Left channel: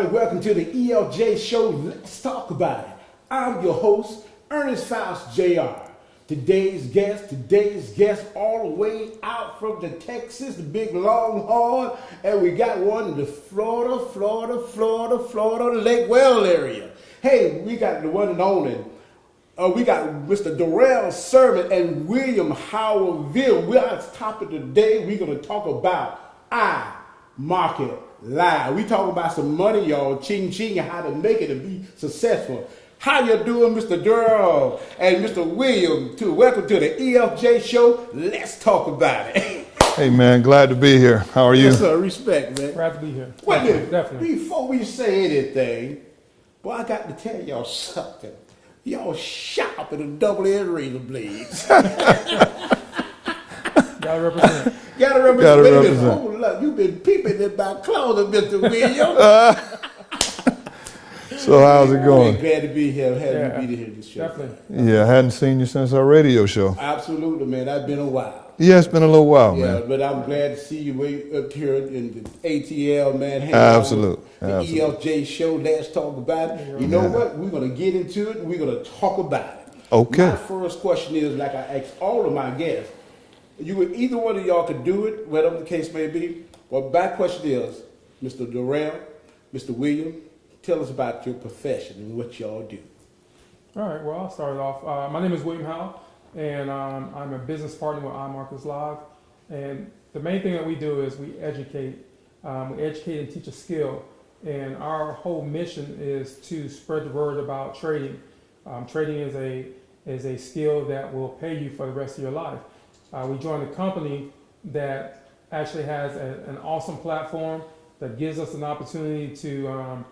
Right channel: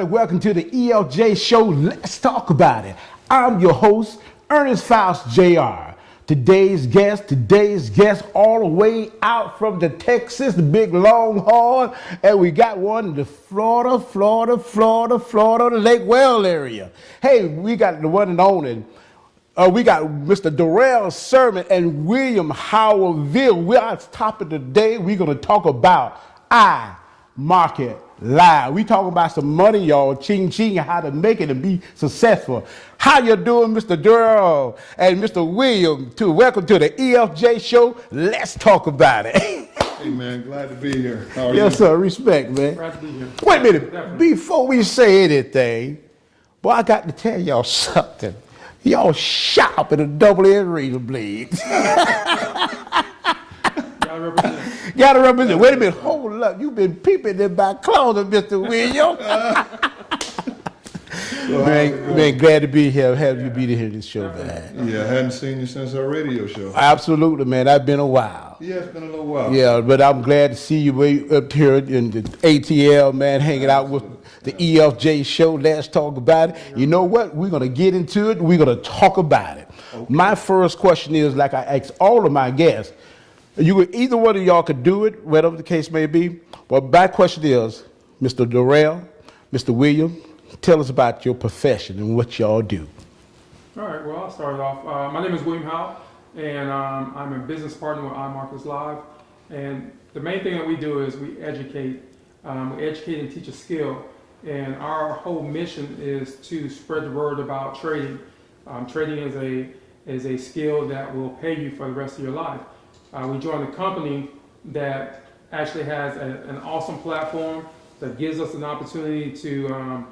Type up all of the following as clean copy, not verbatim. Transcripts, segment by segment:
everybody. Welcome to the EFJ show. Let's talk about it. I'm your host, Earnest Faust Jr. Today's guest all the way out from the Texas, the big Longhorn, and we got one in the Florida, Lake Well area. Hey, we got the one and only. We got Mr. Darrell Sirmons and William Howell. We're on top of the day. We're going to talk about market live. We talk about some money, y'all, ching, and how to make it and be successful. How you doing, Mr. Darrell and Mr. William? Welcome to the EFJ show. Let's talk about it. Hey, man, glad to be here. How are you? Yes, sir. Respect, man. Glad to be here. Wait a minute. Definitely. Before we say anything, boy, I got to tell y'all something. Y'all sharp in a double-edged razor blades. Gotta represent. Gotta represent. Wait a minute. Hold up. You've been peeping in my closet, Mr. William. So how's it going? Man, glad to be here. Happy to be here this show, man. Yeah, I hadn't seen you since our radio show. Absolutely, man. I've been a while. Yeah, it's been a little while. Yeah, man. but I'm glad to see you way up here in the ATL, man. Hanging out with the EFJ show. Let's talk about it. You know what? We're going to get into it. We're going to talk about it. Okay. My first question is, like I ask all of my guests, either one of y'all could do it, whatever the case may be. But my question is, Mr. Darrell, Mr. William, tell us about your profession and what y'all do. All right, well, I'll start it off. My name is William Howell, and I'm a business partner with iMarkets Live. And the main thing that we do is we educate and teach a skill. And our whole mission is to spread the word about trading. Trading is a skill that will pay you for the rest of your life. We joined a company that actually has an awesome platform that gives us an opportunity to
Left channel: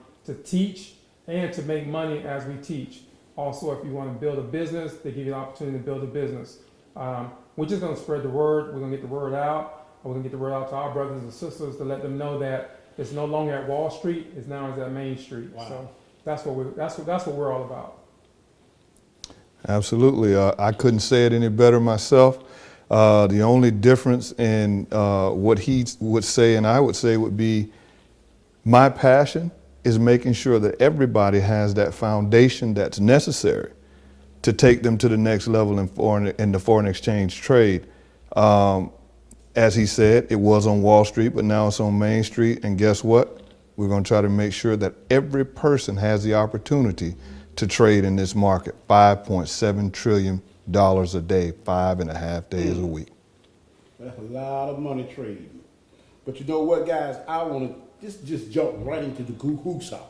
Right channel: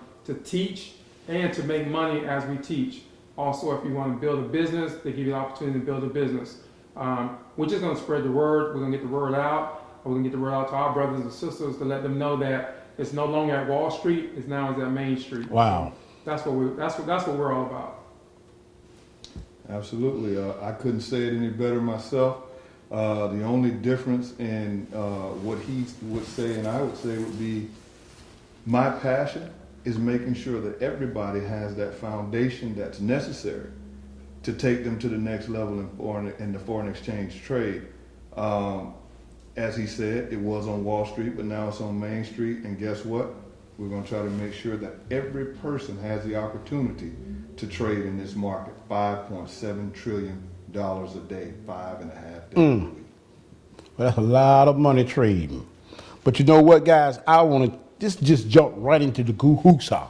teach and to make money as we teach. Also, if you want to build a business, they give you the opportunity to build a business. We're just going to spread the word. We're going to get the word out. We're going to get the word out to our brothers and sisters to let them know that it's no longer at Wall Street. It's now at Main Street. Wow. That's what we're all about. Absolutely. I couldn't say it any better myself. The only difference in what he would say and I would say would be my passion is making sure that everybody has that foundation that's necessary to take them to the next level in the foreign exchange trade. As he said, it was on Wall Street, but now it's on Main Street. And guess what? We're going to try to make sure that every person has the opportunity to trade in this market. $5.7 trillion a day, 5.5 days a week. Well, that's a lot of money trading. But you know what, guys? I want to just jump right into the hoopsa.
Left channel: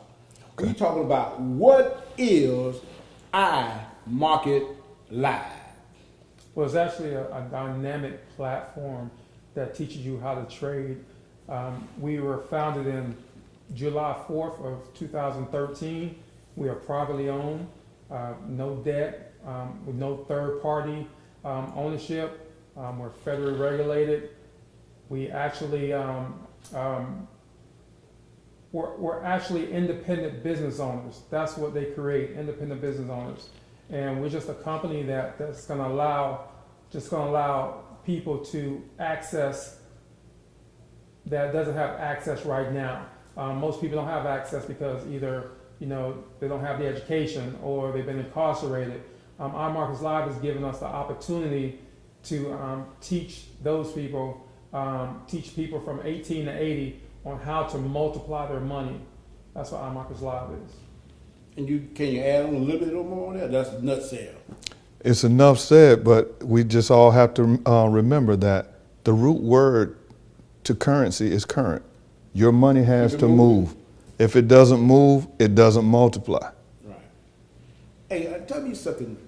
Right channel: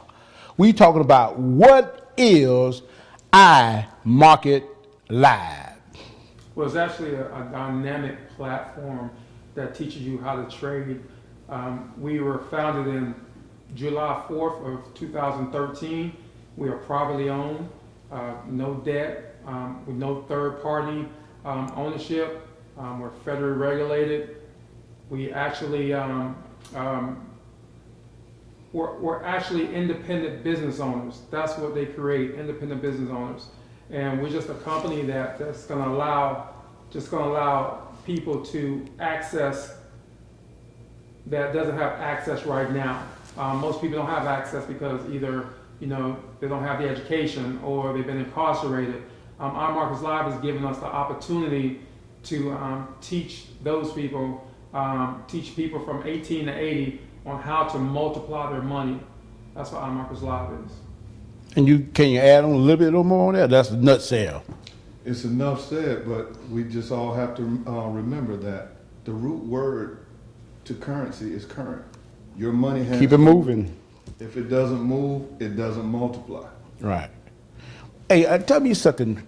We talking about what is iMarket Live? Well, it's actually a dynamic platform that teaches you how to trade. We were founded in July 4th of 2013. We are privately owned, no debt, with no third-party ownership. We're federally regulated. We actually we're actually independent business owners. That's what they create, independent business owners. And we're just a company that's going to allow people to access that doesn't have access right now. Most people don't have access because either they don't have the education or they've been incarcerated. iMarkets Live has given us the opportunity to teach those people, teach people from 18 to 80 on how to multiply their money. That's what iMarkets Live is. And can you add on a little bit more on that? That's a nutshell. It's enough said, but we just all have to remember that the root word to currency is current. Your money has to move. If it doesn't move, it doesn't multiply. Right. Hey, tell me something,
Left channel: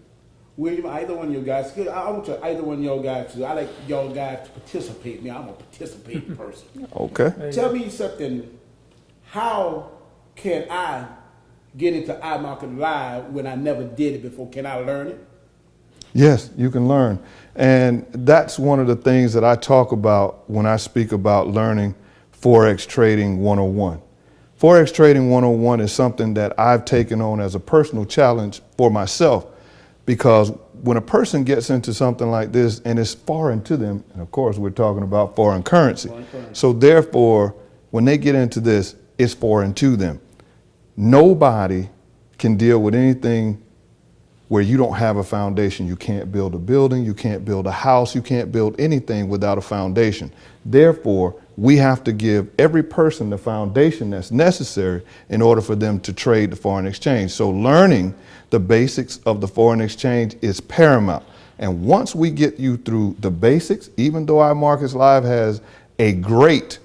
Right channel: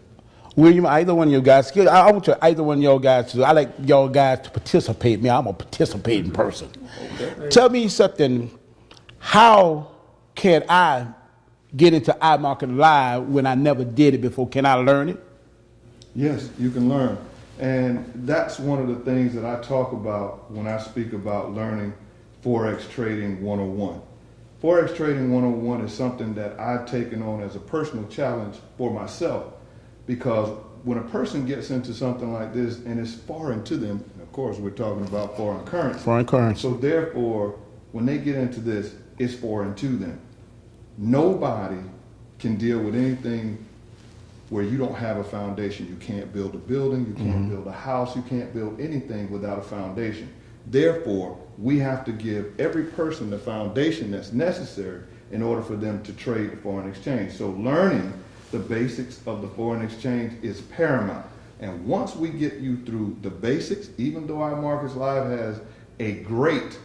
William. Either one of you guys. I want either one of y'all guys to. I like y'all guys to participate. I'm a participating person. Okay. Tell me something. How can I get into iMarket Live when I never did it before? Can I learn it? Yes, you can learn. And that's one of the things that I talk about when I speak about learning Forex Trading 101. Forex Trading 101 is something that I've taken on as a personal challenge for myself, because when a person gets into something like this and it's foreign to them, and of course we're talking about foreign currency. Foreign currency. So therefore, when they get into this, it's foreign to them. Nobody can deal with anything where you don't have a foundation. You can't build a building, you can't build a house, you can't build anything without a foundation. Therefore, we have to give every person the foundation that's necessary in order for them to trade the foreign exchange. So learning the basics of the foreign exchange is paramount. And once we get you through the basics, even though iMarkets Live has a great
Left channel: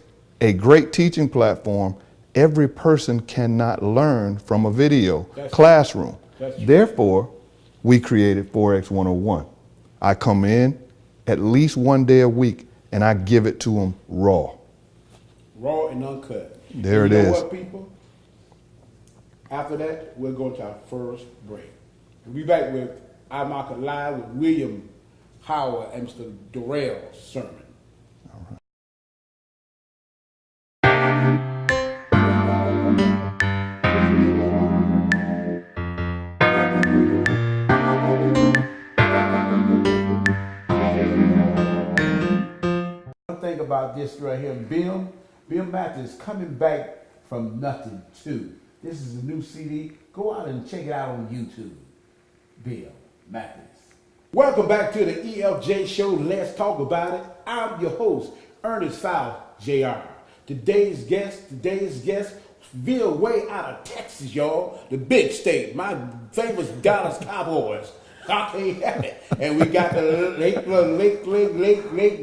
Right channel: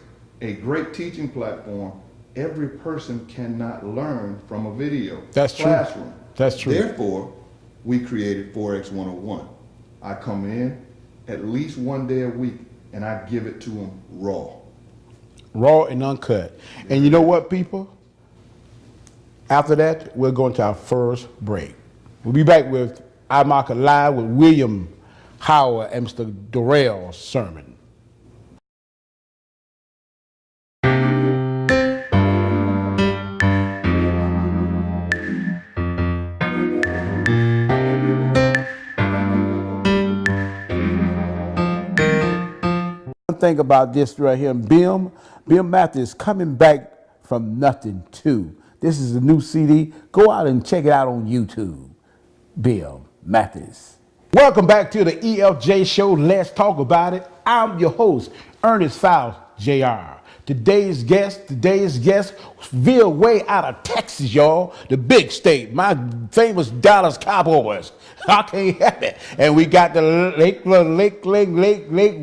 teaching platform, every person cannot learn from a video classroom. That's true. Therefore, we created Forex 101. I come in at least one day a week and I give it to them raw. Raw and uncut. There and you it know is. what, people? After that, we're going to our first break. We'll be back with iMarket Live with William Howell and Mr. Darrell Sirmons. Think about this right here. Bill Matthews coming back from nothing too. This is a new CD. Go out and check it out on YouTube. Bill Matthews. Welcome back to the EFJ show. Let's talk about it. I'm your host, Earnest Faust Jr. Today's guest, veer way out of Texas, y'all. The big state, my famous Dallas Cowboys. I can't help it. And we got the Lake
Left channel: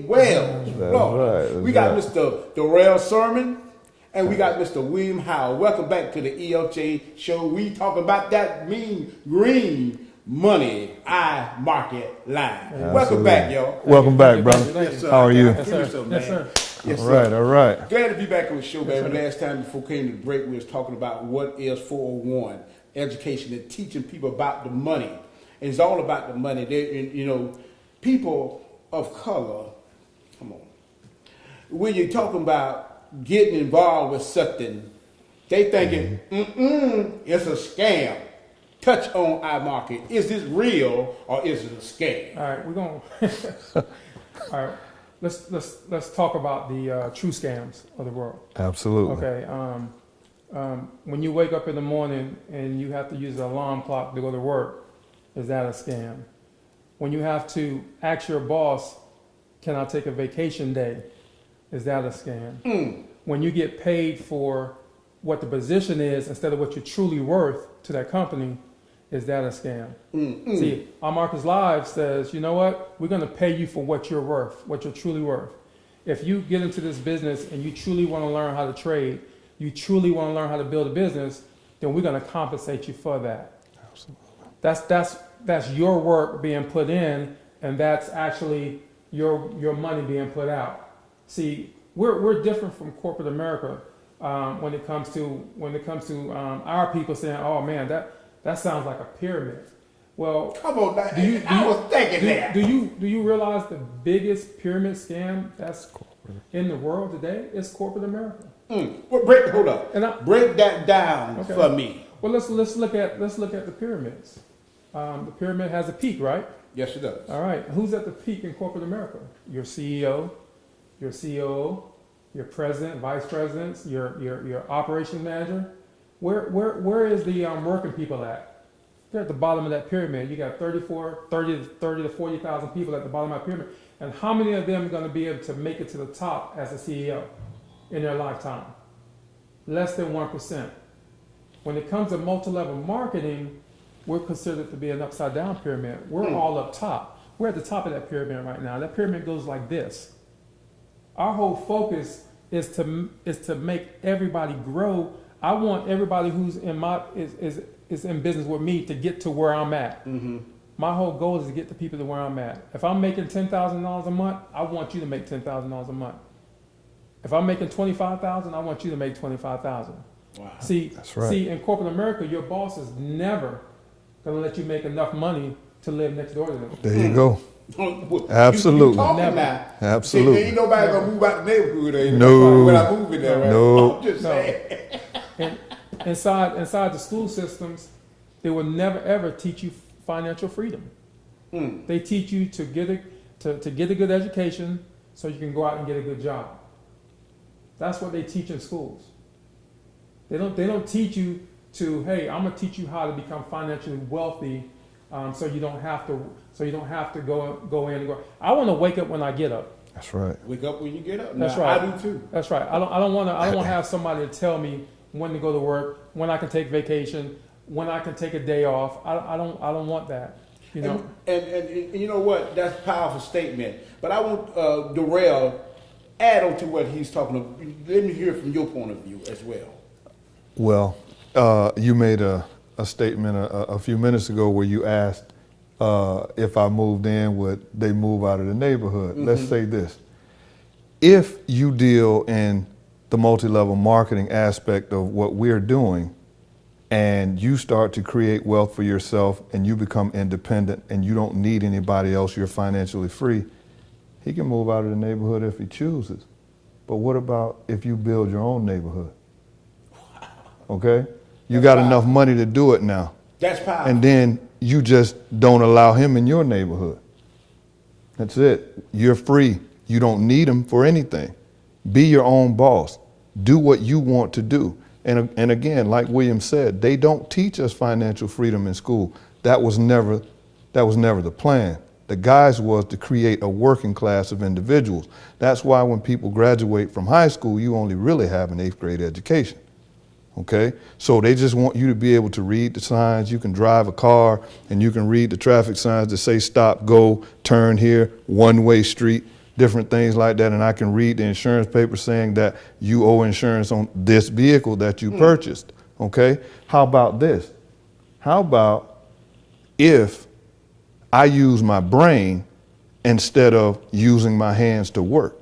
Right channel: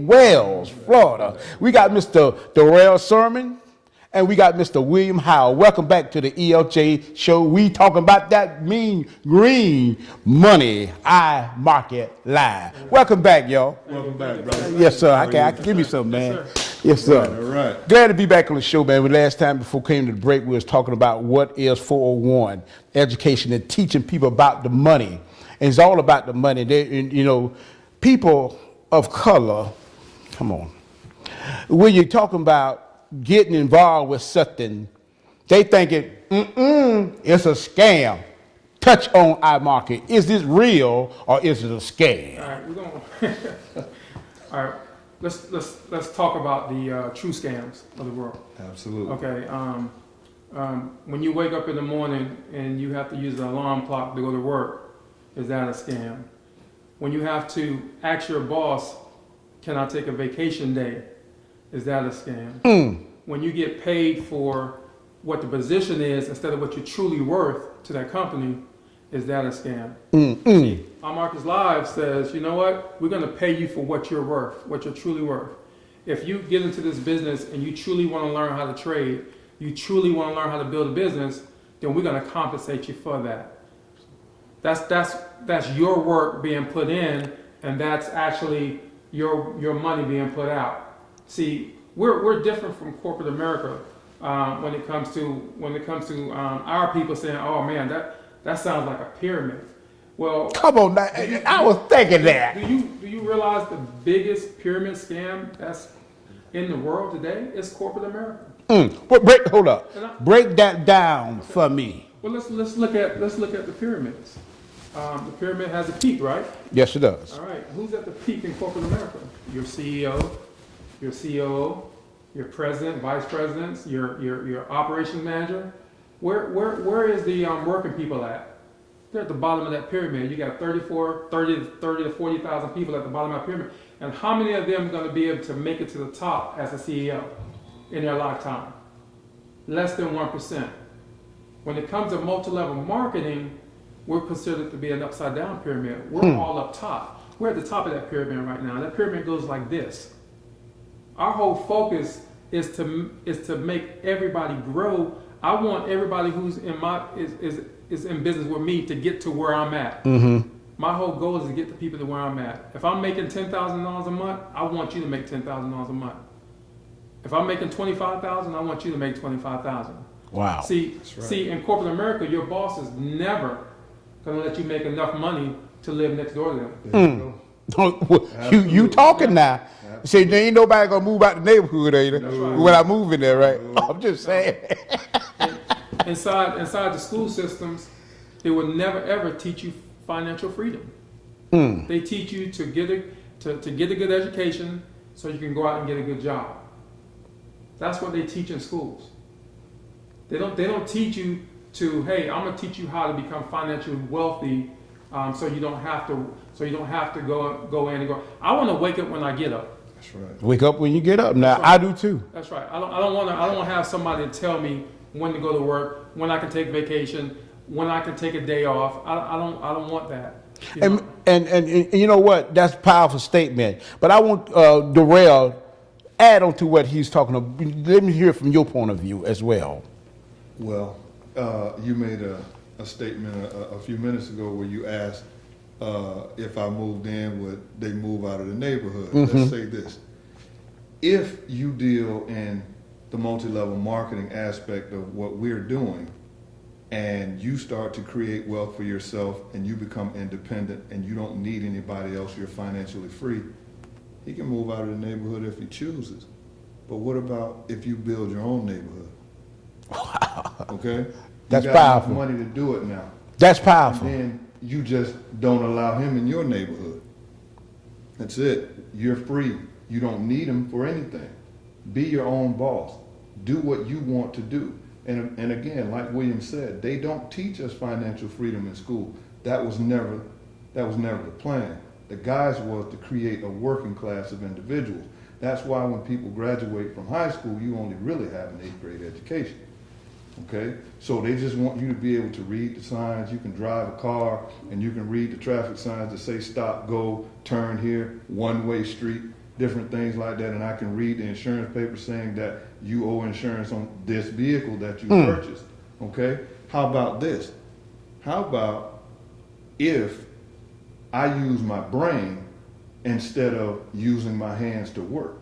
Wells, Florida. Right, we got Mr. Darrell Sirmons and we got Mr. William Howell. Welcome back to the EFJ show. We talking about that mean green money iMarket Live. Welcome back, y'all. Welcome back, brother. Yes, sir. How are you? Give me some, man. Yes, sir. Yes, sir. All right. Glad to be back on the show, man. Last time before we came to the break, we was talking about what is 401, education and teaching people about the money. And it's all about the money. People of color, come on. When you're talking about getting involved with something, they thinking, it's a scam. Touch on iMarket. Is this real or is it a scam? All right, we're going. All right, let's talk about the true scams of the world. Absolutely. Okay. When you wake up in the morning and you have to use an alarm clock to go to work, is that a scam? When you have to ask your boss, can I take a vacation day? Is that a scam? When you get paid for what the position is instead of what you're truly worth to that company, is that a scam? See, iMarkets Live says, you know what? We're going to pay you for what you're worth, what you're truly worth. If you get into this business and you truly want to learn how to trade, you truly want to learn how to build a business, then we're going to compensate you for that. That's your work being put in, and that's actually your money being put out. See, we're different from corporate America when it comes to our people saying, "Oh man, that sounds like a pyramid." Well, Come on, I was thinking that. Do you realize the biggest pyramid scam that's in the world today is corporate America? But hold up. Break that down Okay. for me. Well, let's look at the pyramids. The pyramid has a peak, right? Yes, it does. All right. Who's at the peak in corporate America? Your CEO, your COO, your president, vice presidents, your operations manager. Where is the working people at? They're at the bottom of that pyramid. You got 30 to 40,000 people at the bottom of that pyramid. And how many of them are going to be able to make it to the top as a CEO in their lifetime? Less than 1%. When it comes to multi-level marketing, we're considered to be an upside-down pyramid. We're all up top. We're at the top of that pyramid right now. That pyramid goes like this. Our whole focus is to make everybody grow. I want everybody who's is in business with me to get to where I'm at. My whole goal is to get the people to where I'm at. If I'm making $10,000 a month, I want you to make $10,000 a month. If I'm making $25,000, I want you to make $25,000. Wow. See, That's right. see, in corporate America, your boss is never going to let you make enough money to live next door to them. There you go. You Absolutely. talking now. Absolutely. See, there ain't nobody gonna move out the neighborhood there, No. when I move in there, right? No. I'm just saying. Inside the school systems, they will never ever teach you financial freedom. They teach you to get a good education so you can go out and get a good job. That's what they teach in schools. They don't teach you to, hey, I'm gonna teach you how to become financially wealthy, so you don't have to go in and go. I want to wake up when I get up. That's right. Wake up when you get up. Now, That's right. I do too. That's right. I don't want to have somebody tell me when to go to work, when I can take vacation, when I can take a day off. I don't want that. And you know what? That's a powerful statement. But I want Darrell add on to what he's talking about. Let me hear from your point of view as well. Well, you made a statement a few minutes ago where you asked if I moved in, would they move out of the neighborhood? Mm-hmm. Let's say this. If you deal in the multi-level marketing aspect of what we're doing, and you start to create wealth for yourself and you become independent and you don't need anybody else, you're financially free, he can move out of the neighborhood if he chooses. But what about if you build your own neighborhood? Okay? You That's got powerful. enough money to do it now. That's powerful. And then you just don't allow him in your neighborhood. That's it. You're free. You don't need him for anything. Be your own boss. Do what you want to do. And again, like William said, they don't teach us financial freedom in school. That was never the plan. The guise was to create a working class of individuals. That's why when people graduate from high school, you only really have an 8th grade education. Okay? So they just want you to be able to read the signs. You can drive a car and you can read the traffic signs that say stop, go, turn here, one-way street, different things like that. And I can read the insurance paper saying that you owe insurance on this vehicle that you purchased. Okay? How about this? How about if I use my brain instead of using my hands to work?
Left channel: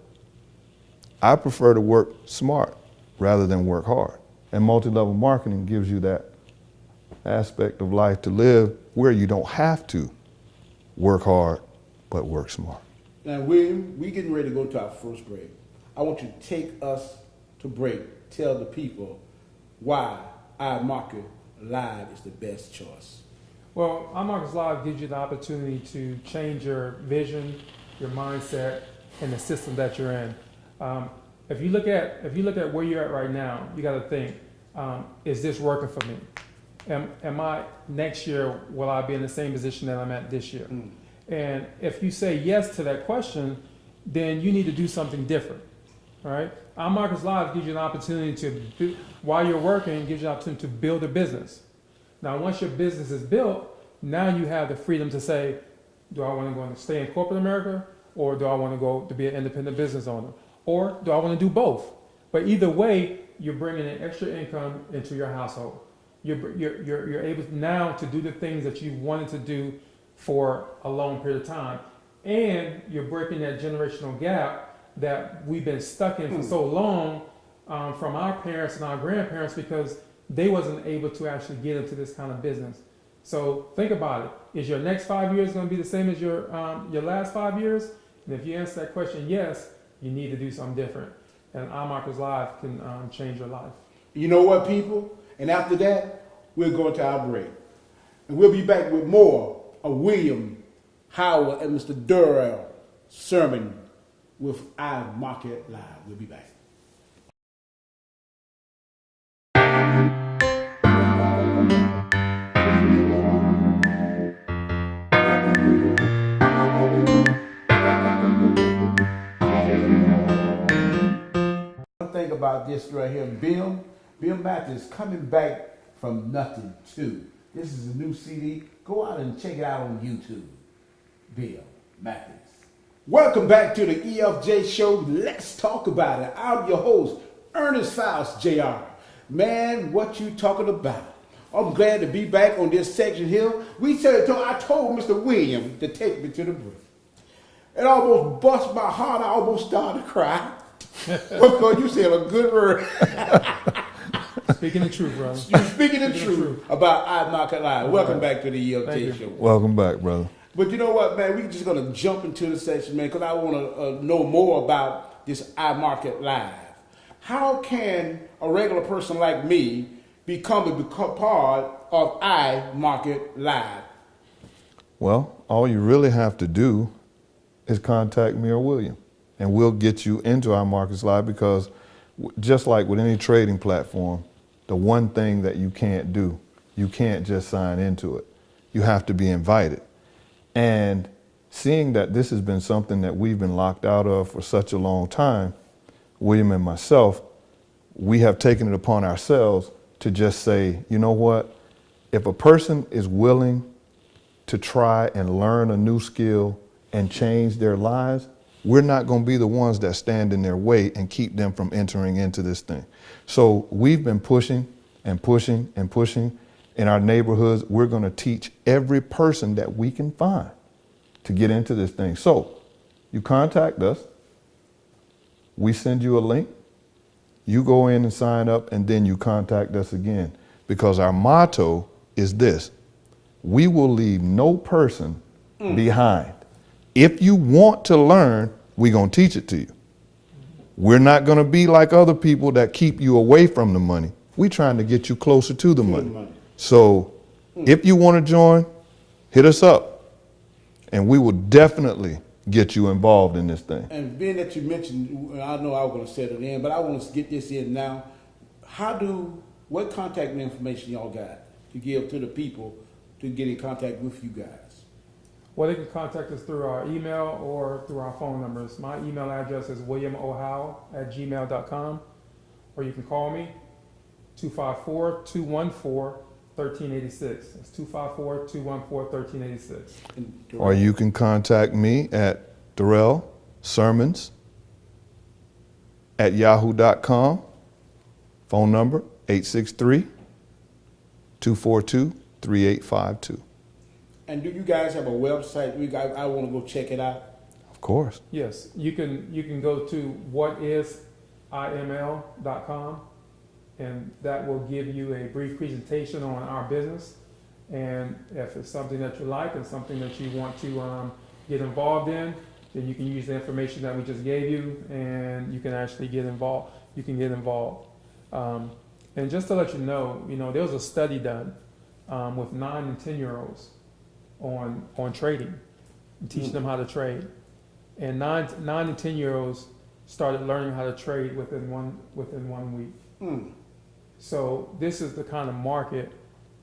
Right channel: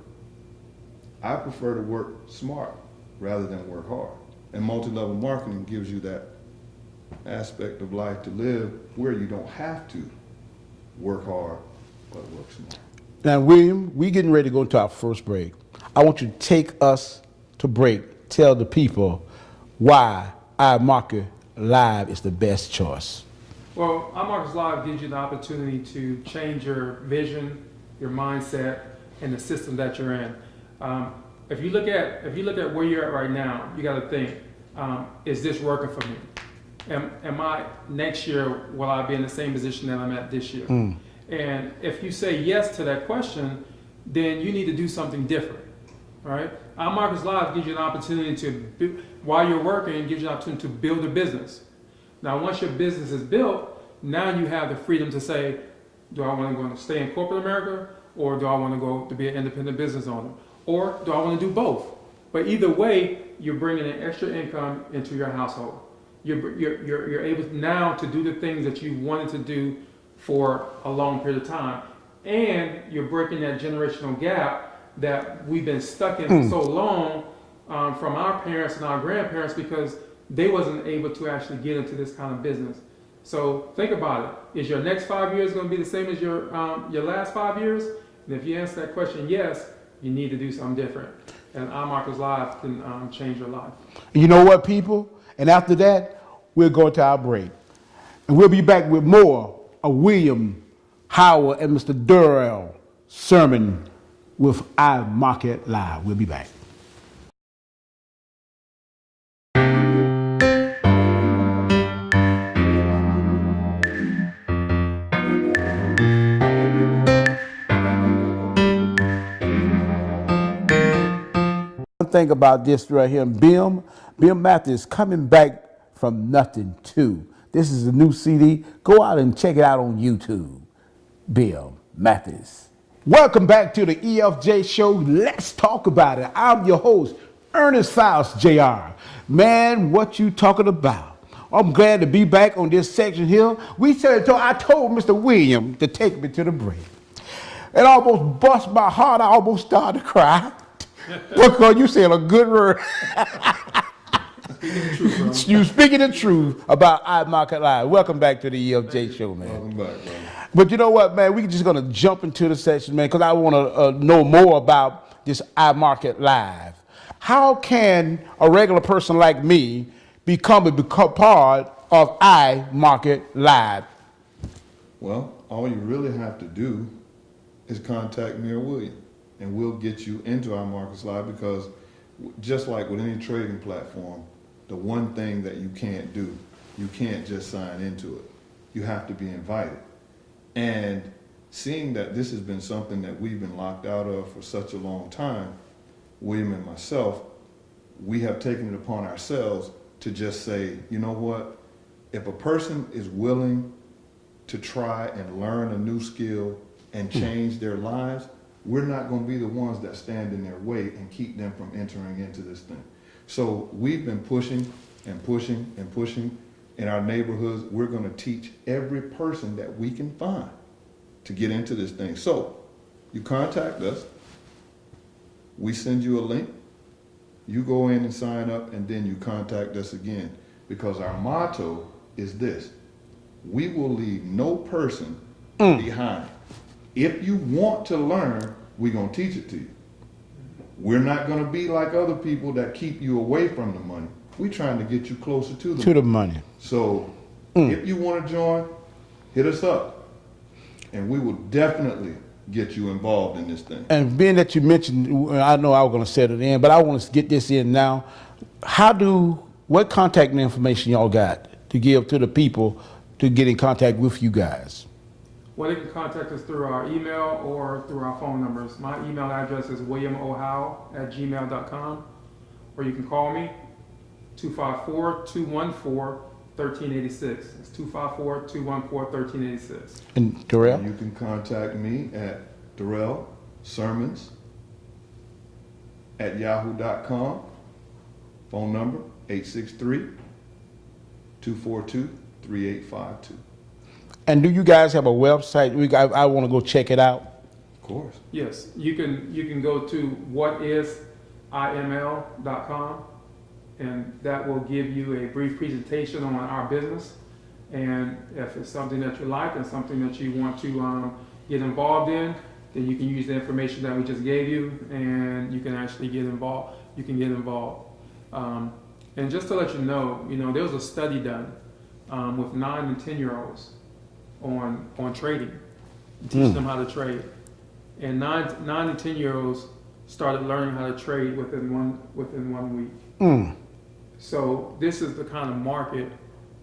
I prefer to work smart rather than work hard. And multi-level marketing gives you that aspect of life to live where you don't have to work hard, but work smart. Now, William, we're getting ready to go into our first break. I want you to take us to break. Tell the people why iMarket Live is the best choice. Well, iMarkets Live gives you the opportunity to change your vision, your mindset, and the system that you're in. If you look at where you're at right now, you got to think: is this working for me? Am I next year? Will I be in the same position that I'm at this year? And if you say yes to that question, then you need to do something different. All right. iMarkets Live gives you an opportunity to, while you're working, it gives you an opportunity to build a business. Now, once your business is built, now you have the freedom to say, do I want to go and stay in corporate America, or do I want to go to be an independent business owner, or do I want to do both? But either way, you're bringing an extra income into your household. You're able now to do the things that you wanted to do for a long period of time, and you're breaking that generational gap that we've been stuck in for so long from our parents and our grandparents, because they wasn't able to actually get into this kind of business. So think about it. Is your next 5 years going to be the same as your last 5 years? And if you answer that question yes, you need to do something different. And iMarkets Live can change your life. You know what, people? And after that, we'll go to our break. And we'll be back with more of William Howell and Mr. Darrell Sirmons with iMarket Live. We'll be back. One thing about this right here, Bill Matthews coming back from nothing too. This is a new CD. Go out and check it out on YouTube. Bill Matthews. Welcome back to the EFJ show. Let's talk about it. I'm your host, Earnest Faust Jr. Man, what you talking about? I'm glad to be back on this section here. I told Mr. William to take me to the break. It almost bust my heart. I almost started to cry. Because you said a good word. Speaking the truth, bro. You speaking the truth about iMarket Live. Welcome back to the EFJ show, man. Welcome back, brother. But you know what, man? We're just going to jump into the section, man, because I want to know more about this iMarket Live. How can a regular person like me become part of iMarket Live? Well, all you really have to do is contact me or William, and we'll get you into iMarkets Live, because just like with any trading platform, the one thing that you can't do, you can't just sign into it. You have to be invited. And seeing that this has been something that we've been locked out of for such a long time, William and myself, we have taken it upon ourselves to just say, you know what? If a person is willing to try and learn a new skill and change their lives, we're not going to be the ones that stand in their way and keep them from entering into this thing. So we've been pushing and pushing and pushing. In our neighborhoods, we're going to teach every person that we can find to get into this thing. So you contact us, we send you a link, you go in and sign up, and then you contact us again. Because our motto is this: we will leave no person behind. If you want to learn, we're going to teach it to you. We're not going to be like other people that keep you away from the money. We're trying to get you closer to the money. So if you want to join, hit us up, and we will definitely get you involved in this thing. And being that you mentioned, I know I was going to set it in, but I want to get this in now. What contact information y'all got to give to the people to get in contact with you guys? Well, they can contact us through our email or through our phone numbers. My email address is williamohowell@gmail.com, or you can call me, 254-214-1386. It's 254-214-1386. And Darrell? Or you can contact me at Darrell Sirmons @yahoo.com. Phone number 863-242-3852. And do you guys have a website? I want to go check it out. Of course. Yes, you can go to whatisiml.com, and that will give you a brief presentation on our business. And if it's something that you like and something that you want to get involved in, then you can use the information that we just gave you, and you can actually get involved. You can get involved. And just to let you know, there was a study done with 9 and 10-year-olds on trading, teaching them how to trade. And 9 and 10-year-olds started learning how to trade within one week. So this is the kind of market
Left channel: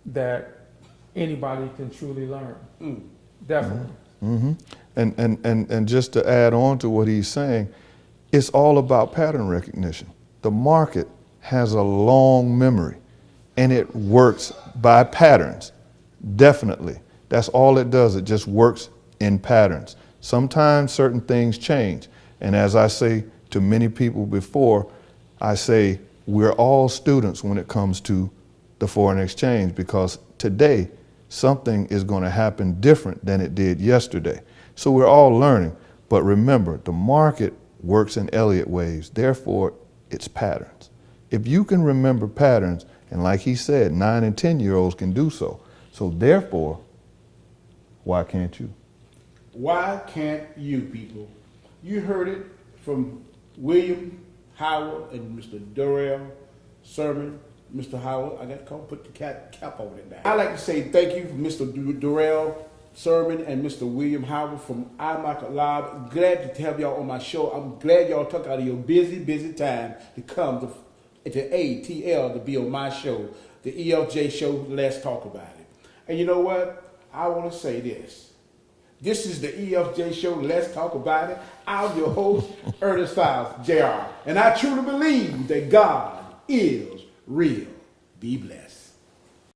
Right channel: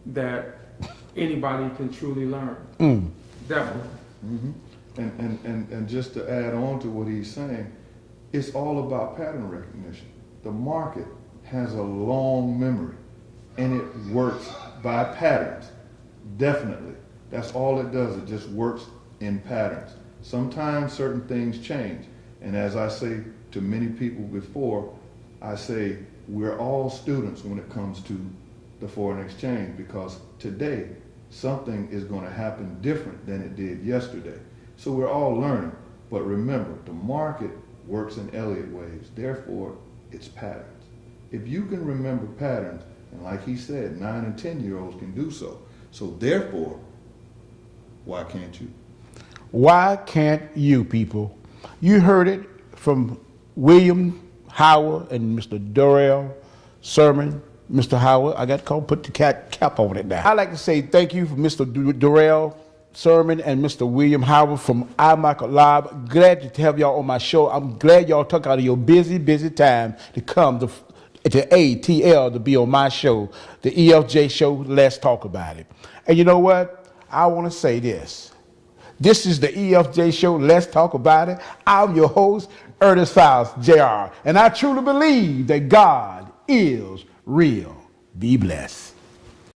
that anybody can truly learn. Definitely. Mm-hmm. And just to add on to what he's saying, it's all about pattern recognition. The market has a long memory, and it works by patterns. Definitely. That's all it does. It just works in patterns. Sometimes certain things change. And as I say to many people before, I say we're all students when it comes to the foreign exchange, because today something is going to happen different than it did yesterday. So we're all learning. But remember, the market works in Elliott waves. Therefore, it's patterns. If you can remember patterns, and like he said, 9 and 10-year-olds can do so. So therefore, why can't you? Why can't you, people? You heard it from William Howell and Mr. Darrell Sirmons. Mr. Howell, I got to call, put the cap on it now. I'd like to say thank you for Mr. Darrell Sirmons and Mr. William Howell from iMarket Live. Glad to have y'all on my show. I'm glad y'all took out of your busy time to come to ATL to be on my show, the EFJ show. Let's talk about it. And you know what? I want to say this. This is the EFJ show. Let's talk about it. I'm your host, Earnest Faust, Jr. And I truly believe that God is real. Be blessed.